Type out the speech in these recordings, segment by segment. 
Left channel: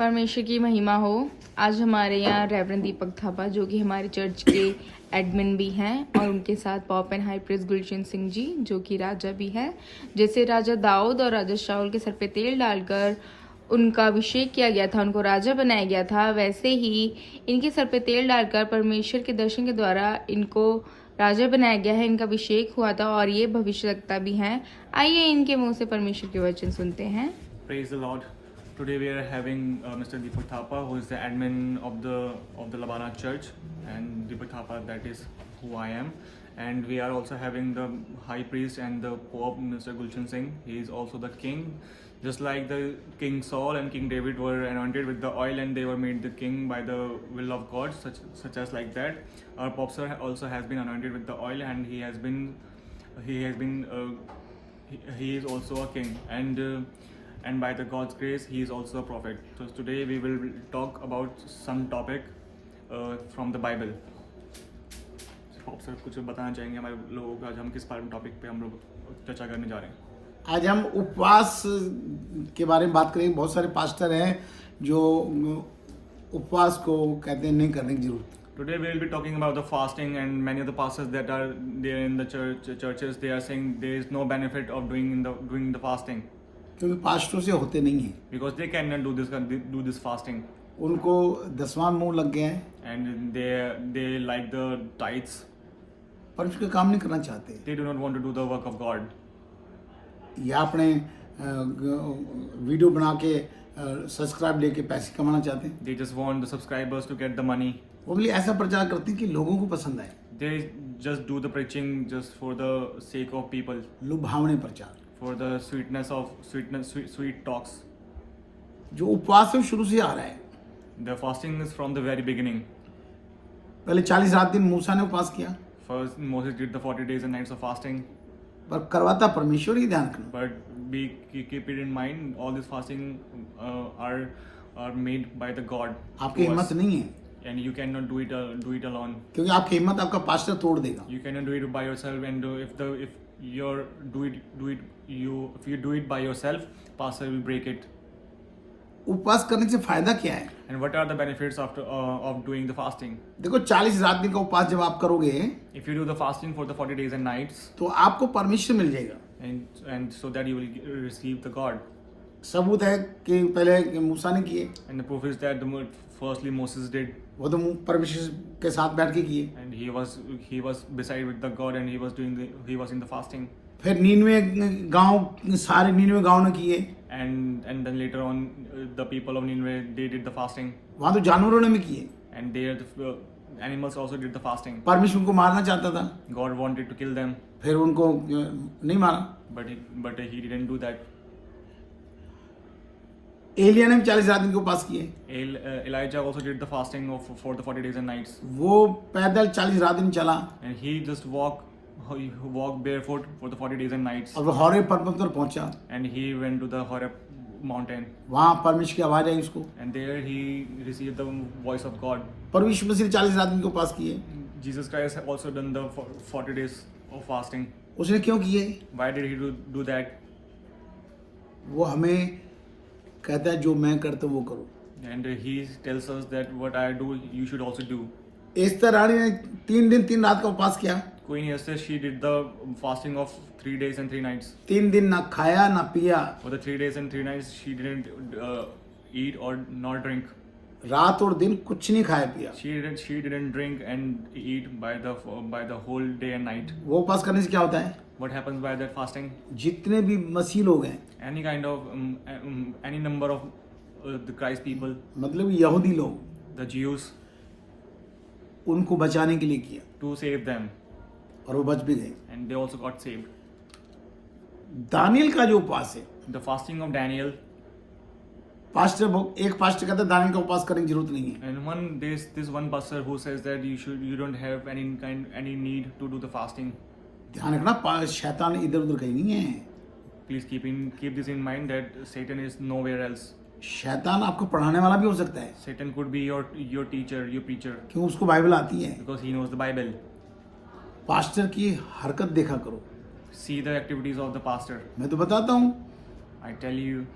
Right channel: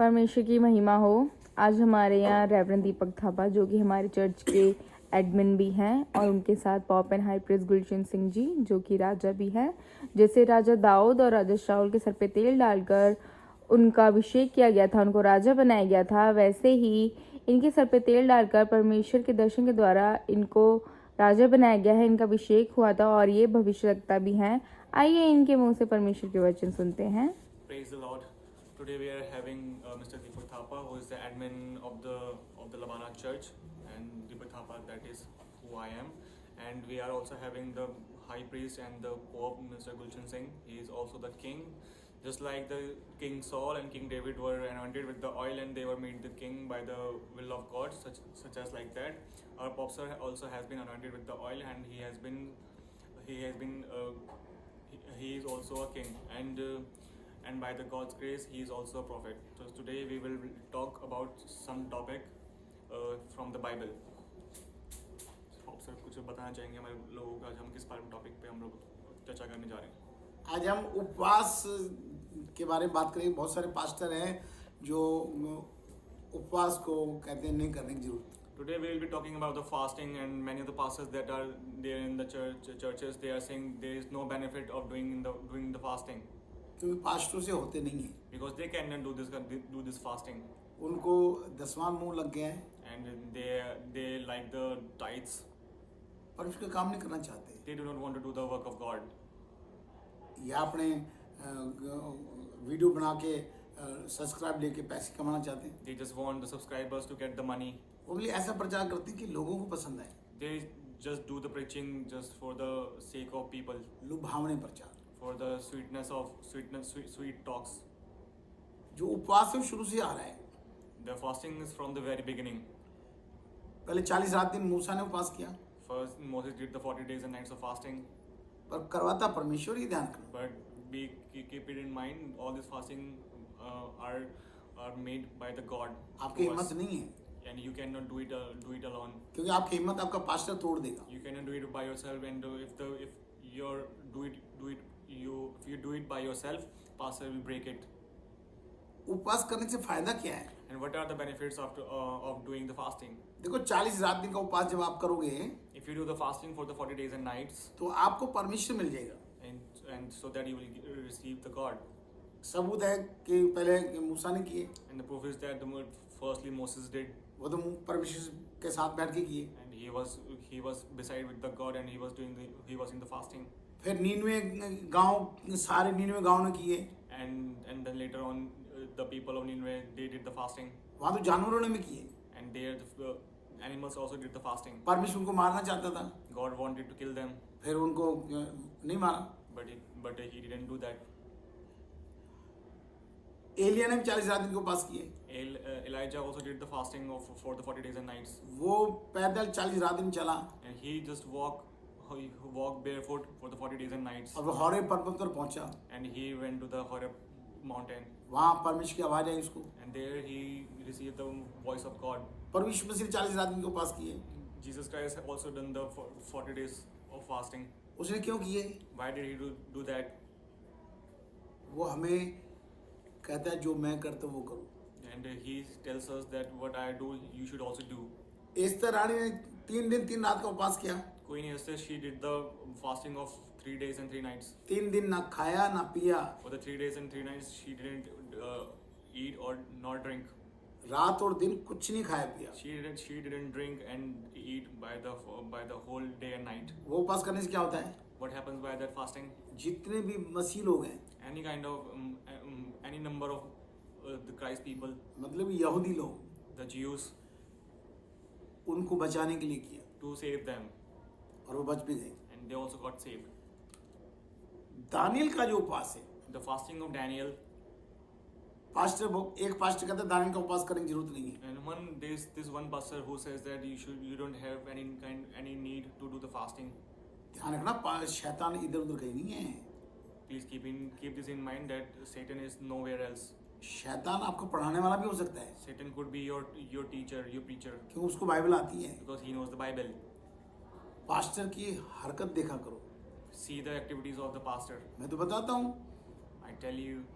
परमेश्वर की महिमा हो। आज हमारे यहाँ रेवरेंड दीपक थापा जो कि हमारे चर्च के एडमिन भी हैं और उनके साथ पॉप एंड हाई प्रेस गुलशन सिंह जी जो कि राजा भी है। जैसे राजा दाऊद और राजा शाऊल के सर पे तेल डालकर उनका अभिषेक किया गया था, उनको राजा बनाया गया था, वैसे ही इनके सर पे तेल डालकर परमेश्वर के दर्शन के द्वारा इनको राजा बनाया गया है। इनका अभिषेक हुआ था और ये भविष्यवक्ता भी हैं। आइए इनके मुंह से परमेश्वर के वचन सुनते हैं। Praise the Lord. Today we are having Mr. Deepak Thapa, who is the admin of the Labana Church, and Deepak Thapa, that is who I am. And we are also having the High Priest and the Pope, Mr. Gulshan Singh. He is also the King. Just like the King Saul and King David were anointed with the oil and they were made the king by the will of God, such as like that. Our Pope Sir also has been anointed with the oil and he is also a king and by the God's grace he is also a prophet. So today we will talk about some topic from the Bible. Pope Sir कुछ बताना चाहेंगे हमारे लोगों को आज हम किस topic पे हम लोग चर्चा करने जा रहे हैं? आज हम उपवास के बारे में बात करेंगे। बहुत सारे पास्टर हैं जो उपवास को कहते हैं नहीं करने की जरूरत। Today we will be talking about the fasting and many of the pastors that are there in the churches they are saying there is no benefit of doing the fasting क्योंकि पास्टरों से होते नहीं है, because they cannot do this fasting उनको दसवां मुंह लग गए हैं, and they like the tithes. परमेश्वर का काम नहीं करना चाहते They do not want to do the work of God. या अपने वीडियो बना के सब्सक्राइब लेके पैसे कमाना चाहते हैं। They just want the subscribers to get the money. वो भी ऐसा प्रचार करते हैं कि लोगों को पसंद आए, They just do the preaching just for the sake of people, लुभावने प्रचार। for the sweet talks. जो उपवास है वो शुरू से आ रहा है। The fasting is from the very beginning. पहले 40 रात दिन मूसा ने उपवास किया, First Moses did the 40 days and nights of fasting. पर करवाता परमेश्वर ही, ध्यान रखना। But keep it in mind, all this fasting are made by the God. आपकी to us. हिम्मत नहीं है, And you cannot do it alone. क्योंकि आपकी हिम्मत आपका पास्टर तोड़ देगा। You cannot do it by yourself, and if you do it by yourself, pastor will break it. उपवास करने से फायदा क्या है? And what are the benefits of doing the fasting? देखो 40 रात दिन का उपवास जब आप करोगे If you do the fasting for the 40 days and nights, तो आपको परमेश्वर मिल जाएगा। and so that you will receive the God. सबूत है कि पहले मूसा ने किए, And the proof is that firstly Moses did, वो तो परमेश्वर के साथ बैठ के किए। and he was beside with the God, and he was in the fasting. फिर 99 गांव, सारे 99 गांव ने किए। And then later on, the people of Nineveh, they did the fasting, वहां तो जानवरों ने भी किए। and the animals also did the fasting. परमेश्वर उनको मारना चाहता था, God wanted to kill them, फिर उनको नहीं मारा। but he didn't do that. Elia ने भी 40 रात दिन के उपवास किए। Elijah also did the fasting for the 40 days and nights, वो पैदल 40 रात दिन चला and he just walked barefoot for the 40 days and nights, और वो हौरे पर्वत पर पहुंचा। and he went to the Horeb mountain, वहां परमेश्वर की आवाज आई उसको। and there he received the voice of God. परमेश्वर मसीह ने 40 रात दिन के उपवास किए। Jesus Christ also done the 40 days of fasting. उसने क्यों किए? Why did he do that? वो हमें कहता है जो मैं करता हूँ वो करो। And he tells us that what I do, you should also do. Esther रानी ने 3 दिन 3 रात का उपवास किया। Queen Esther, she did the fasting of 3 days and 3 nights. 3 दिन ना खाया ना पिया, For the 3 days and 3 nights, she didn't eat or not drink. रात और दिन कुछ नहीं खाया पिया। She didn't drink and eat by the whole day and night. वो उपवास करने से क्या होता है? What happens by that fasting? जितने भी मसीह लोग हैं, Any kind of any number of the Christ people, मतलब यहूदी लोग, the Jews, उनको बचाने के लिए किया to save them, और वो बच भी गए। and they also got saved. दानियल का जो उपवास है, The fasting of Daniel, एक पास्टर कहता है दानियल का उपवास करने की जरूरत नहीं है। and this one pastor who says that you don't have any need to do the fasting. ध्यान रखना, शैतान इधर उधर कहीं नहीं है। Please keep this in mind that Satan is nowhere else. शैतान आपको पढ़ाने वाला भी हो सकता है, Satan could be your teacher, your preacher, क्यों? उसको बाइबल आती है। because he knows the Bible. Pastor की हरकत देखा करो। See the activities of the pastor. मैं तो बताता हूँ, I tell you,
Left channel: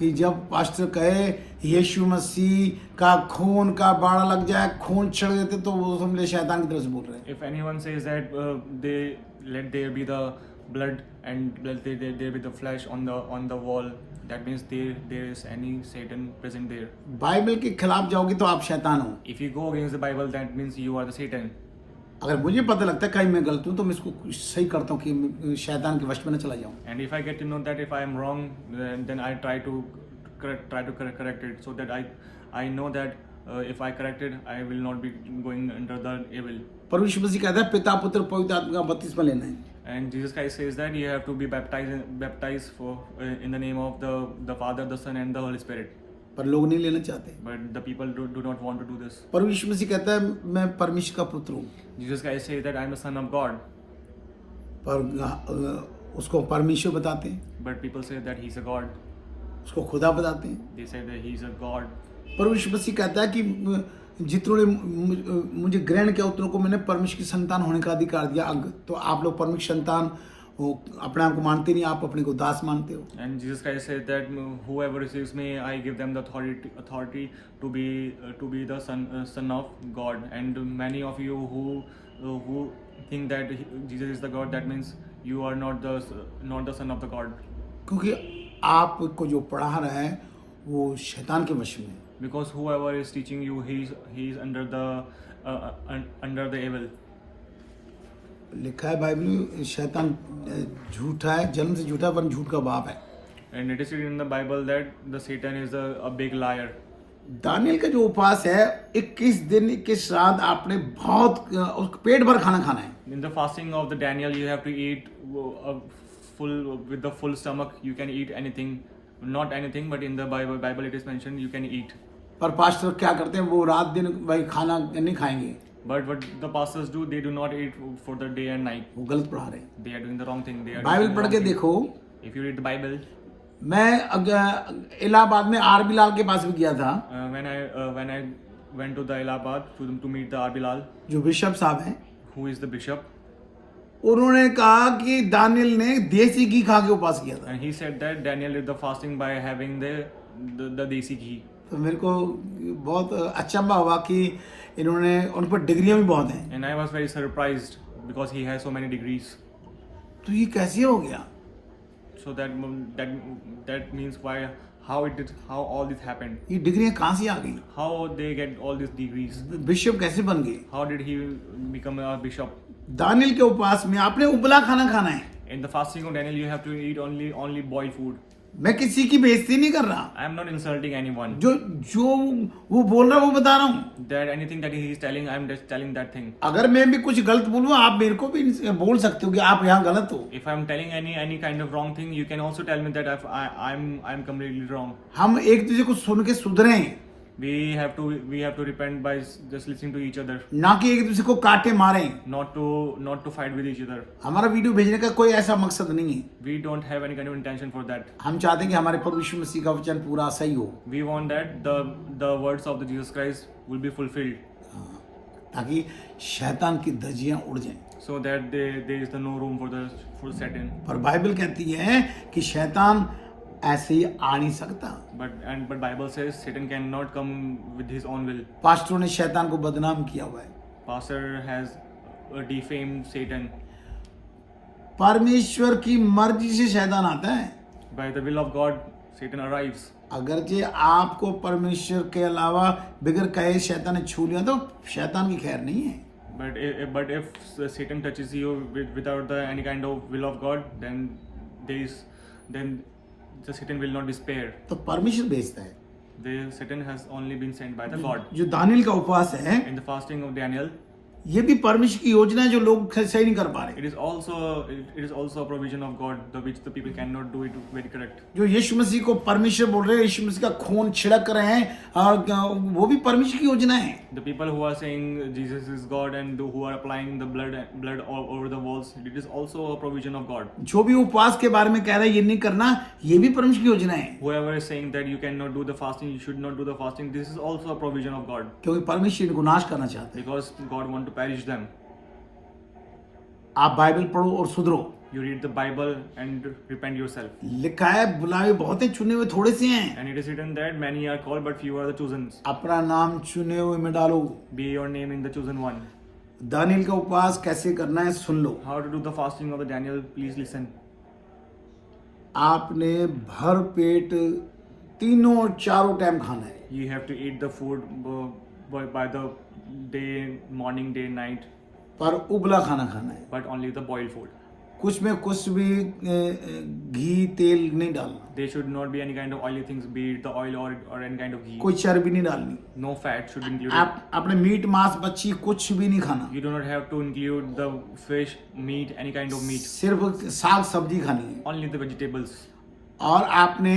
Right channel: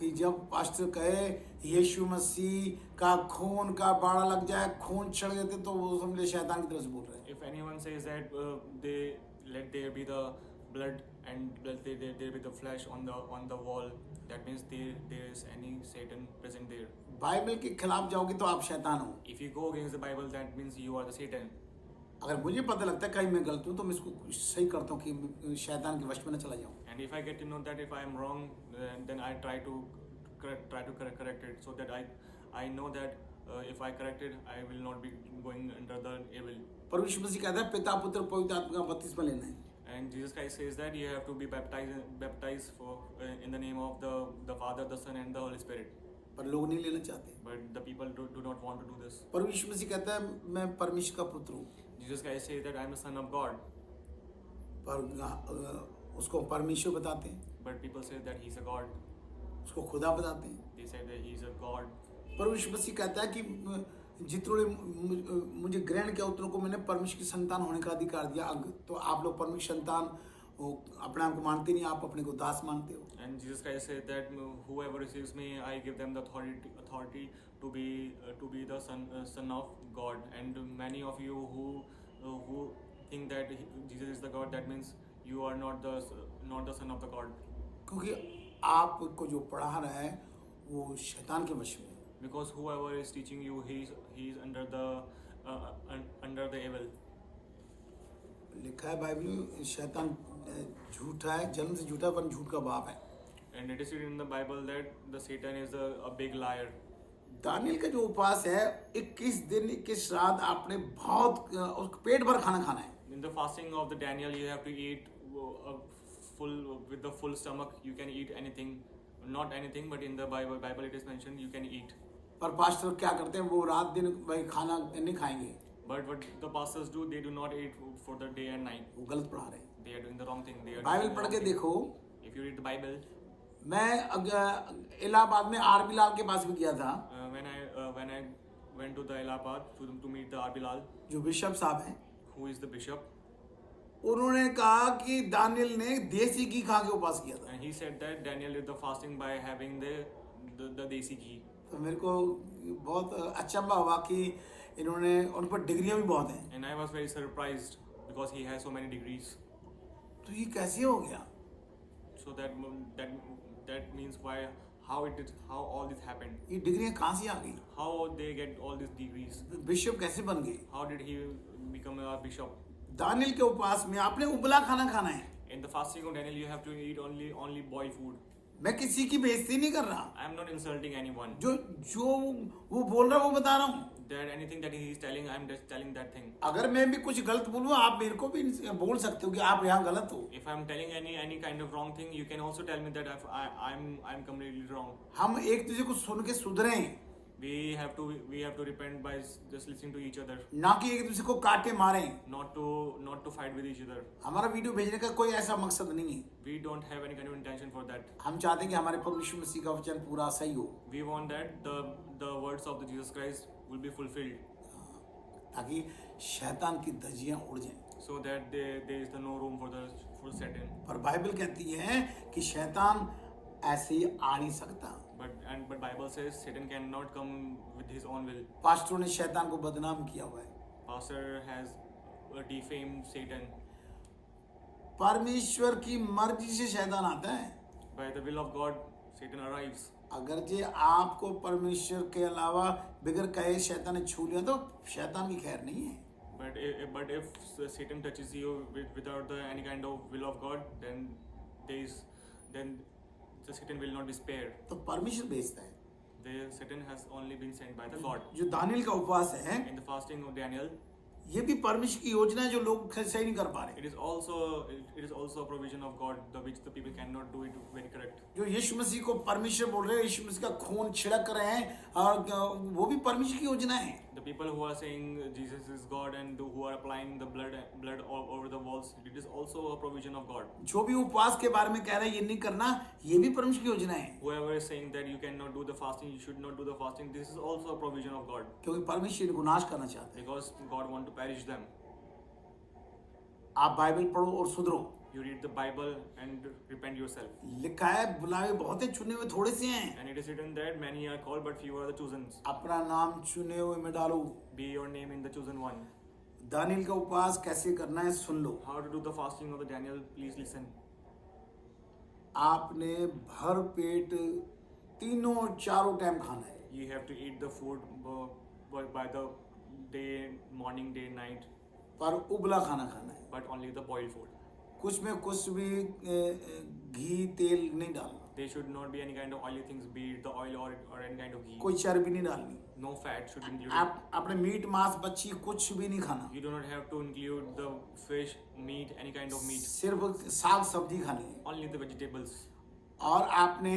कि जब पास्टर कहे यीशु मसीह का खून का बाड़ा लग जाए, खून छिड़क देते, तो वो समझे शैतान की तरफ से बोल रहे हैं। If anyone says that they let there be the blood and let there be the flesh on the wall, that means there is any Satan present there. Bible के खिलाफ जाओगे तो आप शैतान हो। If you go against the Bible, that means you are the Satan. अगर मुझे पता लगता है कहीं मैं गलत हूँ तो मैं इसको सही करता हूँ कि मैं शैतान के वश में न चला जाऊँ। And if I get to know that if I am wrong, then I try to correct it, so that I know that if I correct it, I will not be going under the evil. पर यीशु मसीह कहता है पिता पुत्र पवित्र आत्मा का बपतिस्मा लेना है। And Jesus Christ says that you have to be baptized for in the name of the Father, the Son, and the Holy Spirit. पर लोग नहीं लेना चाहते। But the people do not want to do this. पर यीशु मसीह कहता है मैं परमेश्वर का पुत्र हूँ। Jesus Christ says that I am the Son of God. पर उसको परमेश्वर बताते हैं, But people say that he's a God. उसको खुदा बताते हैं। They say that he's a God. पर यीशु मसीह कहता है कि जितनों ने मुझे ग्रहण किया उतनों को मैंने परमेश्वर की संतान होने का अधिकार दिया। तो आप लोग परमेश्वर संतान अपने आप को मानते नहीं, आप अपने को दास मानते हो। And Jesus Christ said that whoever receives me, I give them the authority to be the son of God. And many of you who think that Jesus is the God, that means you are not the son of the God. क्योंकि आपको जो पढ़ा रहा है वो शैतान के वश में है। Because whoever is teaching you, he's under the evil. लिखा है बाइबल में शैतान झूठा है, जन्म से झूठा है, पर झूठ का बाप है। And it is written in the Bible that the Satan is a big liar. दानियल का जो उपवास है 21 दिन 21 रात आपने बहुत पेट भर खाना खाना है। In the fasting of the Daniel, you have to eat with the full stomach. You can eat anything, not anything, but in the Bible it is mentioned you can eat. पर पास्टर क्या करते हैं, वो रात दिन भाई खाना नहीं खाएंगे। But what the pastors do, they do not eat for the day and night. वो गलत पढ़ा रहे हैं। They are doing the wrong thing. They are Bible doing the पढ़ wrong के thing. देखो, If you read the Bible, मैं इलाहाबाद में आर बिलाल के पास भी गया था, when I went to the Allahabad to meet the R. Bilal, जो बिशप साहब हैं। who is the bishop, उन्होंने कहा कि दानियल ने देसी घी खा के उपवास किया था। and he said that Daniel did the fasting by having the desi ghee. तो मेरे को बहुत अचंभा हुआ कि इन्होंने उन पर डिग्रियां भी बहुत हैं, And I was very surprised because he has so many degrees. तो ये कैसे हो गया? So that means how all this happened. ये डिग्रियां कहाँ से आ गई? How they get all these degrees? Bishop कैसे बन गए? How did he become a bishop? दानियल के उपवास में आपने उबला खाना खाना है। In the fasting of Daniel, you have to eat only boiled food. मैं किसी की बेइज्जती नहीं कर रहा, I am not insulting anyone. जो वो बोल रहा है वो बता रहा हूँ। That anything that he is telling, I am just telling that thing. अगर मैं भी कुछ गलत बोलूँ, आप मेरे को भी बोल सकते हो कि आप यहाँ गलत हो। If I am telling any kind of wrong thing, you can also tell me that I'm completely wrong. हम एक दूसरे को सुन के सुधरें, We have to repent by just listening to each other, ना कि एक दूसरे को काटे मारें। not to fight with each other. हमारा वीडियो भेजने का कोई ऐसा मकसद नहीं है। We don't have any kind of intention for that. हम चाहते हैं कि हमारे प्रभु यीशु मसीह का वचन पूरा सही हो, We want that the words of the Jesus Christ will be fulfilled, ताकि शैतान की धज्जियां उड़ जाएं। so that there is no room for Satan. पर बाइबल कहती है कि शैतान ऐसे ही आ नहीं सकता। But Bible says Satan cannot come with his own will. पास्टरों ने शैतान को बदनाम किया हुआ है। Pastor has defamed Satan. परमेश्वर की मर्जी से शैतान आता है। By the will of God, Satan arrives. अगर जे आपको परमेश्वर के अलावा बिगर कहे शैतान ने छू लिया तो शैतान की खैर नहीं है। But if Satan touches you without any kind of will of God, then the Satan will not be spared. तो परमेश्वर भेजता है। The Satan has only been sent by the God. जो दानियल का उपवास है, In the fasting of Daniel, ये भी परमेश्वर की योजना है जो लोग सही नहीं कर पा रहे। it is also a provision of God, which the people cannot do it very correct. जो यीशु मसीह को परमेश्वर बोल रहे हैं, यीशु मसीह का खून छिड़क रहे हैं, और वो भी परमेश्वर की योजना है। The people who are saying Jesus is God and who are applying the blood all over the walls, it is also a provision of God. जो भी उपवास के बारे में कह रहा है ये नहीं करना, ये भी परमेश्वर की योजना है। Whoever is saying that you cannot do the fasting, you should not do the fasting, this is also a provision of God, क्योंकि परमेश्वर इनको नाश करना चाहते हैं। because God want to perish them. आप बाइबल पढ़ो और सुधरो। you read the Bible and repent yourself. लिखा है बुलावे बहुत हैं, चुने हुए थोड़े से हैं. And it is written that many are called, but few are the chosen. अपना नाम चुने हुए में डालो. Be your name in the chosen one. Daniel का उपवास कैसे करना है सुन लो. How to do the fasting of the Daniel? Please listen. आपने भर पेट तीनों और चारों टाइम खाना है. You have to eat the food by the day, morning, day, night, पर उबला खाना खाना है. but only the boiled food. कुछ में कुछ भी घी तेल नहीं डालना. There should not be any kind of oily things, be it the oil or any kind of ghee. कोई चर्बी नहीं डालनी. No fat should be included. आप अपने मीट मांस मच्छी कुछ भी नहीं खाना. You do not have to include the fish, meat, any kind of meat. सिर्फ साग सब्जी खानी है. Only the vegetables. और आपने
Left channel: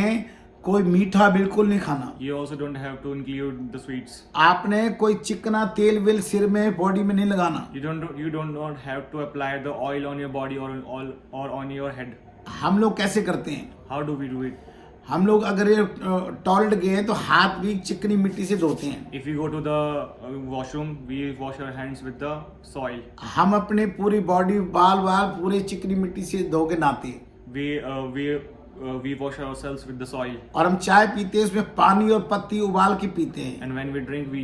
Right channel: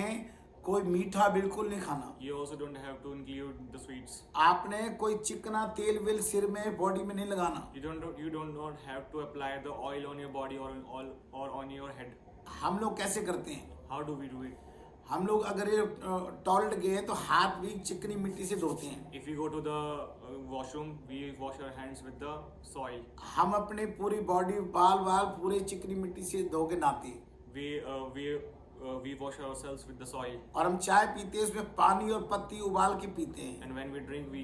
कोई मीठा बिल्कुल नहीं खाना. You also don't have to include the sweets. आपने कोई चिकना तेल वेल सिर में बॉडी में नहीं लगाना. You don't not have to apply the oil on your body or on your head. हम लोग कैसे करते हैं? How do we do it? हम लोग अगर ये टॉयलेट गए तो हाथ भी चिकनी मिट्टी से धोते हैं. If we go to the washroom, we wash our hands with the soil. हम अपने पूरी बॉडी बाल पूरे चिकनी मिट्टी से धो के नहाते हैं. We wash ourselves with the soil. और हम चाय पीते हैं उसमें पानी और पत्ती उबाल के पीते हैं. And when we drink, we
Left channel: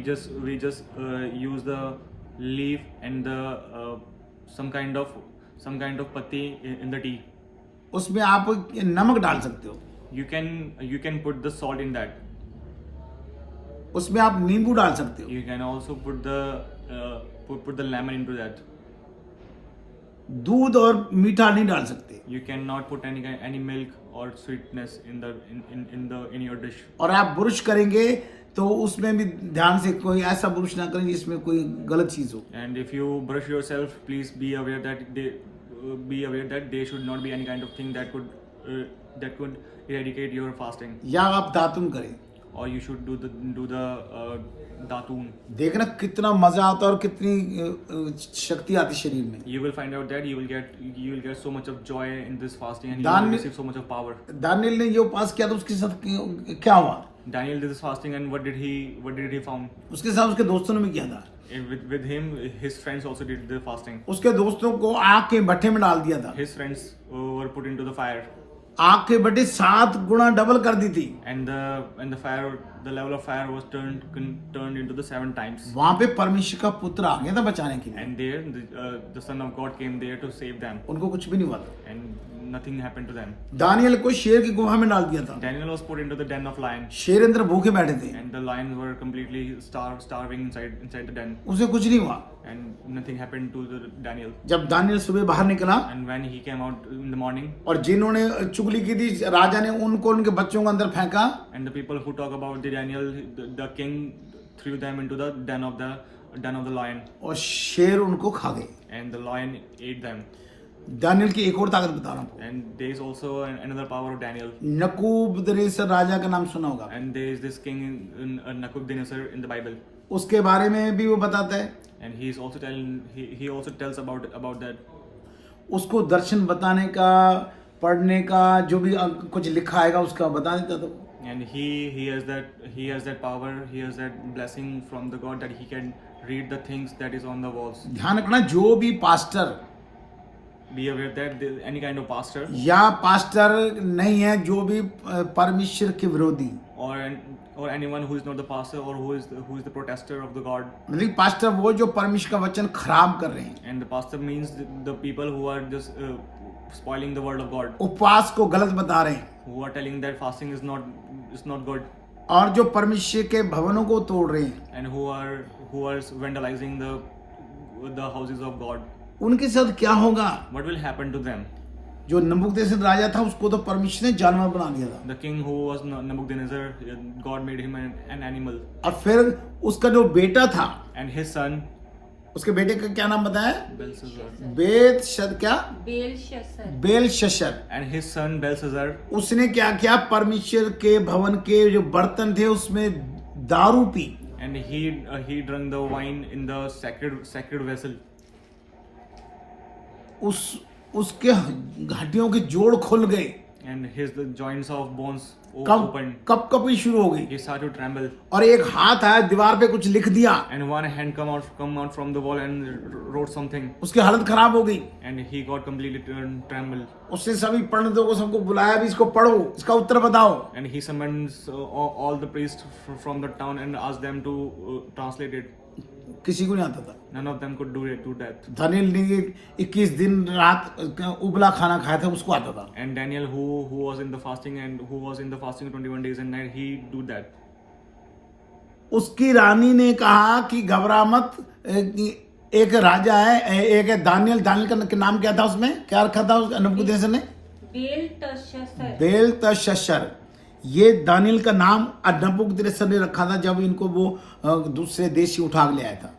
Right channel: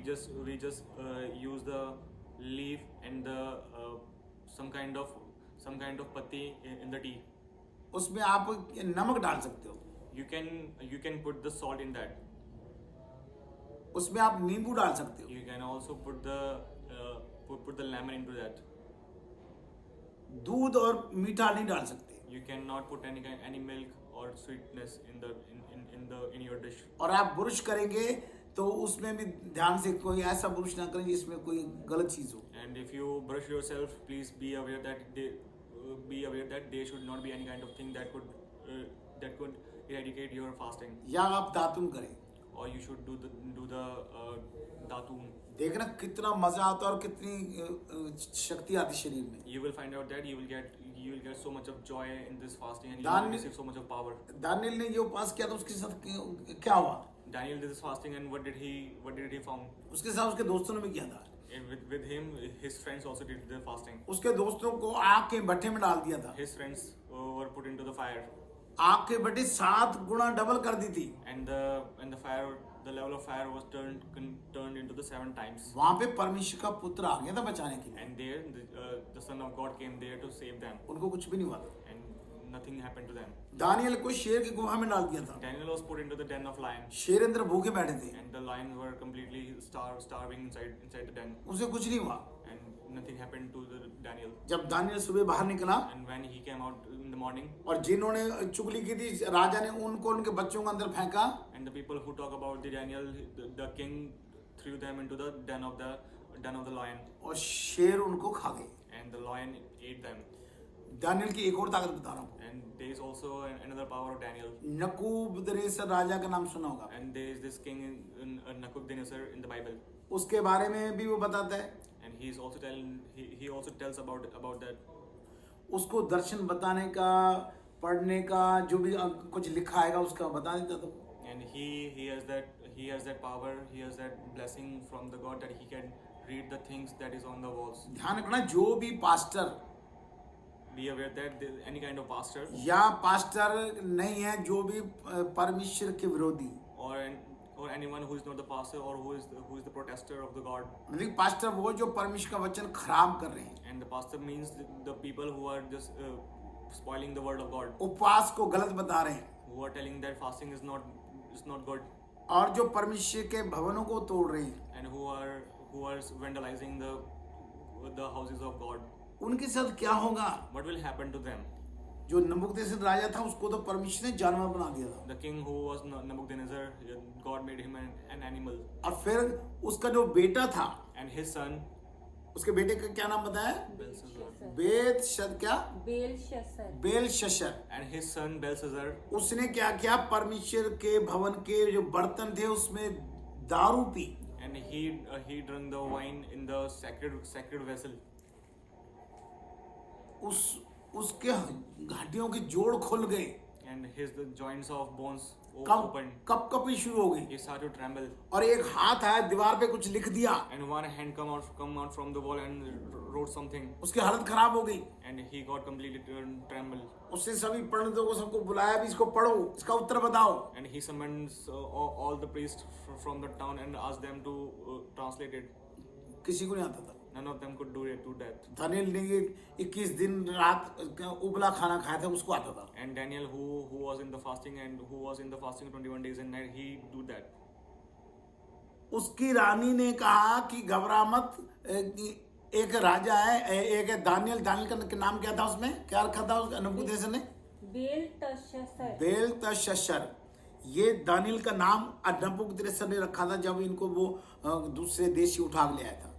just use the leaf and the some kind of patti in the tea. उसमें आप नमक डाल सकते हो. You can put the salt in that. उसमें आप नींबू डाल सकते हो. You can also put the lemon into that. दूध और मीठा नहीं डाल सकते. You cannot put any milk or sweetness in your dish. और आप ब्रुश करेंगे तो उसमें भी ध्यान से कोई ऐसा ब्रुश ना करें जिसमें कोई गलत चीज हो. And if you brush yourself, please be aware that there should not be any kind of thing that could eradicate your fasting. या आप दातुन करें. Or you should do the दातून. देखना कितना मजा आता है और कितनी शक्ति आती शरीर में. You will find out that you will get so much of joy in this fasting and you दान- will receive so much of power. Daniel ने ये उपास किया तो उसके साथ क्या हुआ? Daniel did this fasting and what did he found? उसके साथ उसके दोस्तों ने भी किया था. And with him, his friends also did the fasting. उसके दोस्तों को आग के भट्ठे में डाल दिया था. His friends were put into the fire. आग के भट्टे 7 गुना डबल कर दी थी. And the level of fire was turned into the 7 times. वहां पे परमेश्वर का पुत्र आ गया था बचाने के लिए. And there the son of God came there to save them. उनको कुछ भी नहीं हुआ था. And nothing happened to them. Daniel को शेर की गुफा में डाल दिया था. Daniel was put into the den of lions. शेर अंदर भूखे बैठे थे. And the lions were completely starving inside the den. उसे कुछ नहीं हुआ. And nothing happened to Daniel. जब दानियल सुबह बाहर निकला And when he came out in the morning, और जिन्होंने चुगली की थी राजा ने उनको उनके बच्चों को अंदर फेंका. and the people who talk about the Daniel, the king threw them into the den of the lion, और शेर उनको खा गए. and the lion ate them. Daniel की एक और ताकत बता रहा हूँ. And there is also another power of Daniel. नकूबदनेस्सर राजा का नाम सुना होगा. And there is this king in Nebuchadnezzar in the Bible. उसके बारे में भी वो बताता है. And he also tells about that. उसको दर्शन बताने का पढ़ने का जो भी कुछ लिखा आएगा उसका बता देता था. And he has that power, he has that blessing from the God that he can read the things that is on the walls. ध्यान रखना जो भी pastor Be aware that any kind of pastor या pastor नहीं है जो भी परमेश्वर के विरोधी or anyone who is not the pastor or who is the protester of the God. मतलब पास्टर वो जो परमेश्वर का वचन खराब कर रहे हैं. And the pastor means the people who are just spoiling the word of God, उपवास को गलत बता रहे हैं who are telling that fasting is not good, और जो परमेश्वर के भवनों को तोड़ रहे हैं. and who are vandalizing the houses of God. उनके साथ क्या होगा? What will happen to them? जो नबूकदनेस्सर राजा था उसको तो परमेश्वर ने जानवर बना दिया था. The king who was Nebuchadnezzar, God made him an animal. और फिर उसका जो बेटा था, And his son उसके बेटे का क्या नाम बताया? Belshazzar. Belshazzar. And his son Belshazzar, उसने क्या किया? परमेश्वर के भवन के जो बर्तन थे उसमें दारू P. and he drank the wine in the sacred vessel. उसके हड्डियों के जोड़ खुल गए. And the joints of bones opened. कपकपी शुरू हो गई He started to tremble, और एक हाथ आया दीवार पे कुछ लिख दिया, and one hand come out from the wall and wrote something, उसकी हालत खराब हो गई। and he got completely trembled. उसने सभी पंडितों को सबको बुलाया, भी इसको पढ़ो, इसका उत्तर बताओ। And he summons all the priests from the town and asked them to translate it. किसी को नहीं आता था। None of them could do that. Daniel ने 21 दिन रात उबला खाना खाया था, उसको आता था। And Daniel, who was in the fasting 21 days and night, he do that. उसकी रानी ने कहा कि घबरा मत, एक राजा है, एक है दानियल का नाम क्या था, उसमें क्या रखा था उस नबूकदनेस्सर ने? बेलतशस्सर। ये दानियल का नाम नबूकदनेस्सर ने रखा था जब इनको वो दूसरे देश से उठा के ले आया था।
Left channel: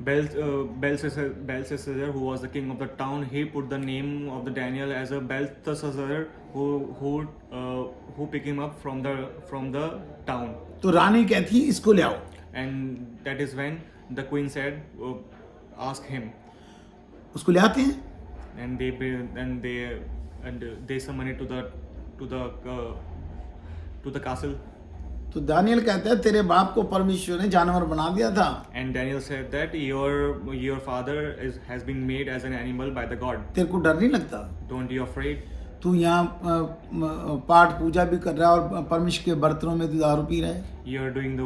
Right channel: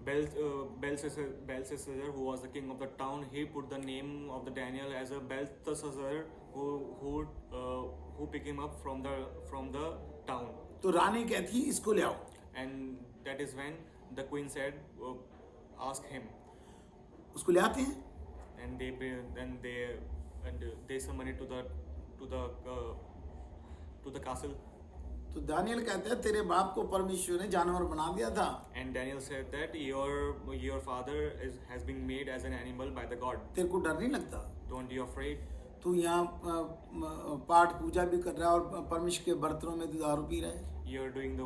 Belshazzar, who was the king of the town, he put the name of the Daniel as a Belteshazzar, who picked him up from the town. तो रानी कहती इसको ले आओ, And that is when the queen said, ask him. उसको ले आते हैं। And they summon it to the castle. तो दानियल कहता है तेरे बाप को परमेश्वर ने जानवर बना दिया था। And Daniel said that your father has been made as an animal by the God. तेरे को डर नहीं लगता? Don't you afraid? तू यहाँ पाठ पूजा भी कर रहा है और परमेश्वर के बर्तनों में तू दारू पी रहा है। You are doing the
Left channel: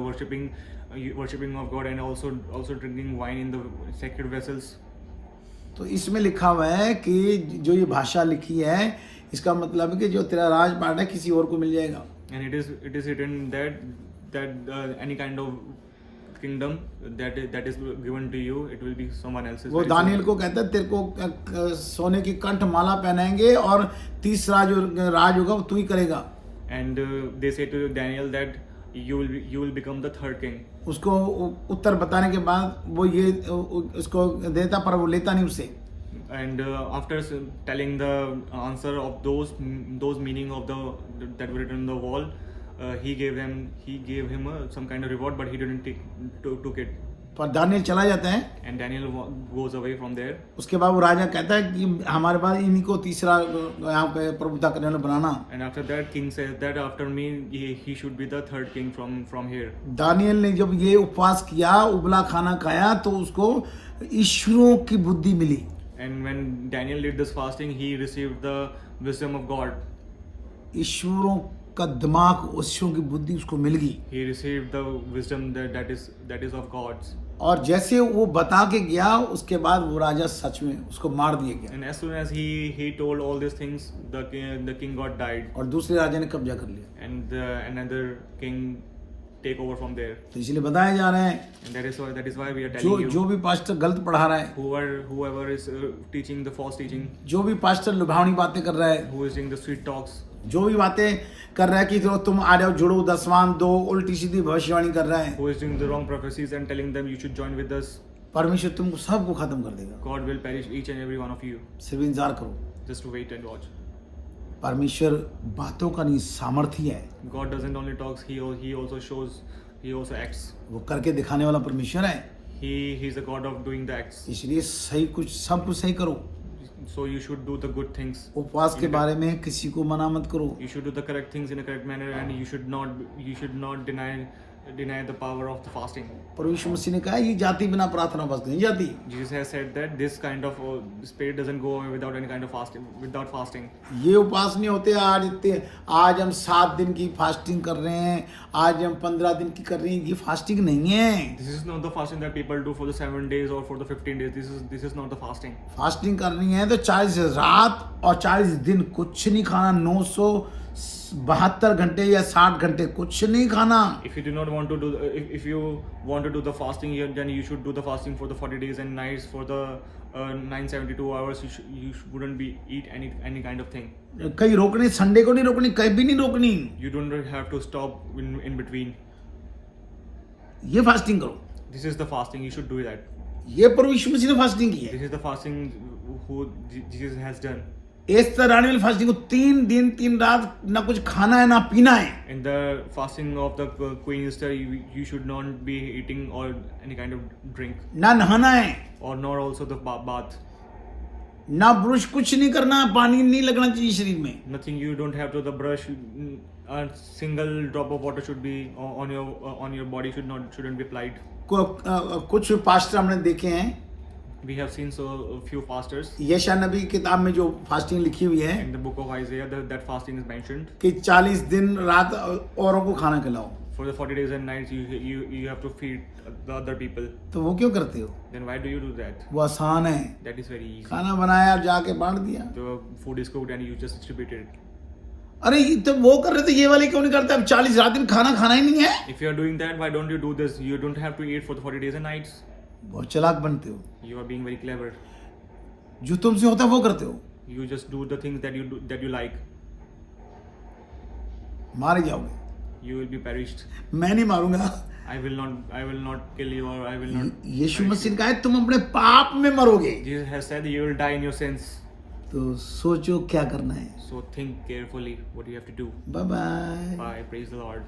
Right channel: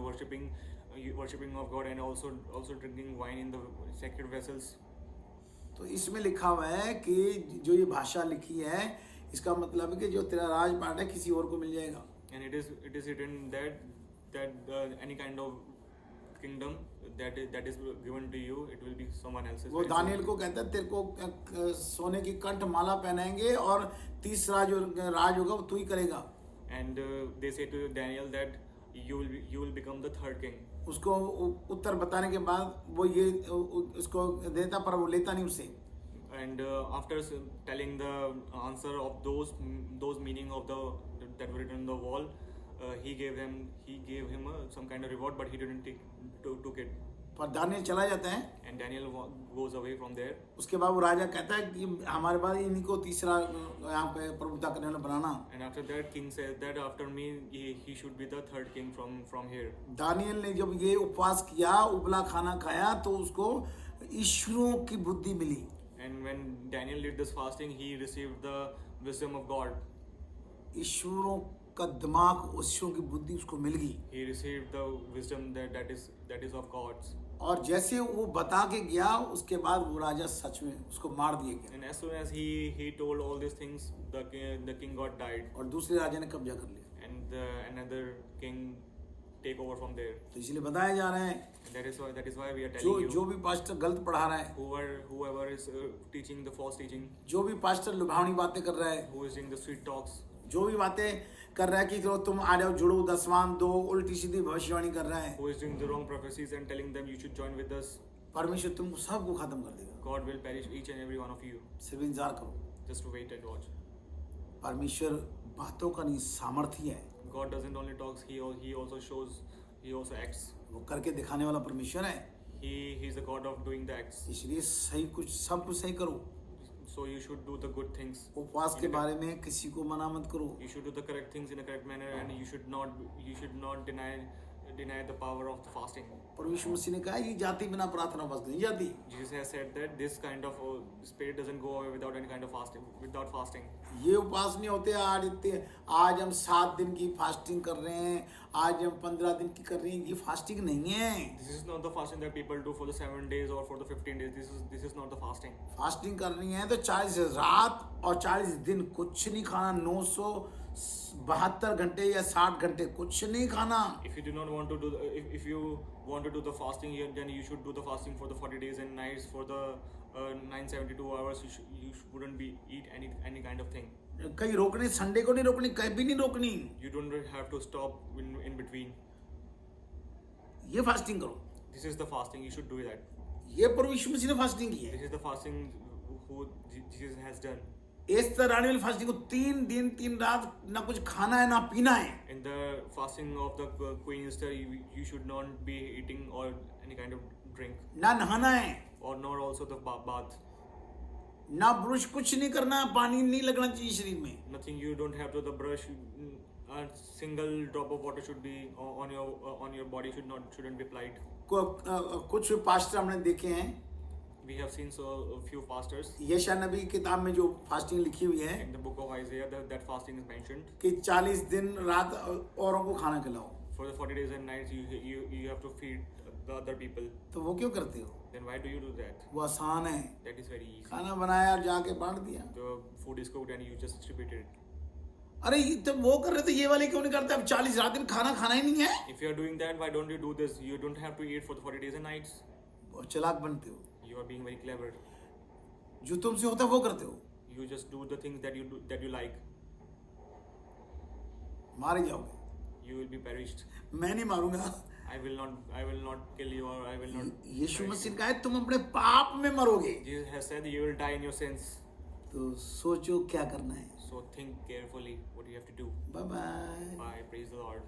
worshiping of God and also drinking wine in the sacred vessels. तो इसमें लिखा हुआ है कि जो ये भाषा लिखी है इसका मतलब है कि जो तेरा राजपाट है किसी और को मिल जाएगा। And it is written that any kind of kingdom that is given to you, it will be someone else's. वो दानियल को कहता है तेरे को सोने की कंठ माला पहनाएंगे और तीसरा जो राज होगा वो तू ही करेगा। And they say to Daniel that you will become the third king. उसको उत्तर बताने के बाद वो ये उसको देता पर वो लेता नहीं उससे। And after telling the answer of those meaning of that were written on the wall, he gave him some kind of reward, but he didn't took it. पर दानियल चला जाता है। And Daniel goes away from there. उसके बाद वो राजा कहता है कि हमारे पास इन्हीं को तीसरा यहाँ पे प्रभुता करने वाला बनाना। And after that, king says that after me he should be the third king from here. Daniel ने जब ये उपवास किया, उबला खाना खाया, तो उसको ईश्वरों की बुद्धि मिली। And when Daniel did this fasting, he received the wisdom of God. ईश्वरों का दिमाग, ईश्वरों की बुद्धि उसको मिल गई। He received the wisdom that is of God's. और जैसे वो बता के गया, उसके बाद वो राजा सच में उसको मार दिया गया। And as soon as he told all these things, the king got died. और दूसरे राजा ने कब्जा कर लिया। And another king take over from there. तो इसलिए बताया जा रहा है, And that is why we are telling you. जो भी पास्टर गलत पढ़ा रहा है, Whoever is teaching the false teaching, जो भी पास्टर लुभावनी बातें कर रहा है, who is doing the sweet talks, जो भी बातें कर रहा है कि तुम आ जाओ, जुड़ो, दसवां दो, उल्टी सीधी भविष्यवाणी कर रहा है, who is doing the wrong prophecies and telling them you should join with us, परमेश्वर तुमको सबको खत्म कर देगा। God will perish each and every one of you. सिर्फ इंतजार करो। Just wait and watch. परमेश्वर बातों का नहीं, सामर्थ्य है। God doesn't only talks, he also shows, he also acts. वो करके दिखाने वाला परमेश्वर है। He's the God of doing the acts. इसलिए सही कुछ सब कुछ सही करो। So you should do the good things. उपवास के बारे में किसी को मना मत करो। You should do the correct things in a correct manner, and you should not deny the power of the fasting. परमेश्वर मसीह ने कहा ये जाति बिना प्रार्थना उपवास नहीं जाती। Jesus has said that this kind of spirit doesn't go away without any kind of fasting. ये उपवास नहीं होते आज हम 7 दिन की फास्टिंग कर रहे हैं, आज हम 15 दिन की कर रहे हैं, ये फास्टिंग नहीं है। This is not the fasting that people do for the 7 days or for the 15 days. This is not the fasting. Fasting करनी है तो 40 रात और 40 दिन कुछ नहीं खाना, 972 घंटे या 60 घंटे कुछ नहीं खाना। If you do not want to do, if you want to do the fasting, then you should do the fasting for the 40 days and nights for the 972 hours. You wouldn't be eat any kind of thing. कहीं रोकनी, Sunday को नहीं रोकनी, कहीं भी नहीं रोकनी। You don't have to stop in between. ये fasting करो। This is the fasting. You should do that. ये परमेश्वर मसीह ने फास्टिंग की है। This is the fasting who Jesus has done. Esther रानी वाली फास्टिंग को 3 दिन 3 रात ना कुछ खाना है ना पीना है। In the fasting of the Queen Esther, you should not be eating or any kind of drink, ना नहाना है, or nor also the bath. ना ब्रश, कुछ नहीं करना, पानी नहीं लगना चाहिए शरीर में। Nothing. You don't have to the brush A single drop of water should be on your body shouldn't be applied. कुछ पास्टर हमने देखे हैं, We have seen a few fasters यशा नबी की किताब में जो फास्टिंग लिखी हुई है in the book of Isaiah that fasting is mentioned. कि 40 दिन रात औरों को खाना खिलाओ, For the 40 days and nights you have to feed the other people. तो वो क्यों करते हो? Then why do you do that? वो आसान है, That is very easy. खाना बनाया और जाके बांट दिया। The food is cooked and you just distribute it. अरे ये तो वो कर रहे थे, ये वाले क्यों नहीं करते? अब 40 रात दिन खाना खाना ही नहीं है। If you are doing that, why don't you do this? You don't have to eat for the 40 days and nights. बहुत चालाक बनते हो, You are being very clever. जो तुमसे होता है वो करते हो, You just do the things that you like. मारे जाओगे। You will be perished. मैं नहीं मारूंगा। I will not kill you, or I will not. यीशु मसीह ने कहा है तुम अपने पाप में मरोगे, Jesus has said you will die in your sins. तो सोचो क्या करना है। So think carefully what you have to do. Bye bye. Bye. Praise the Lord.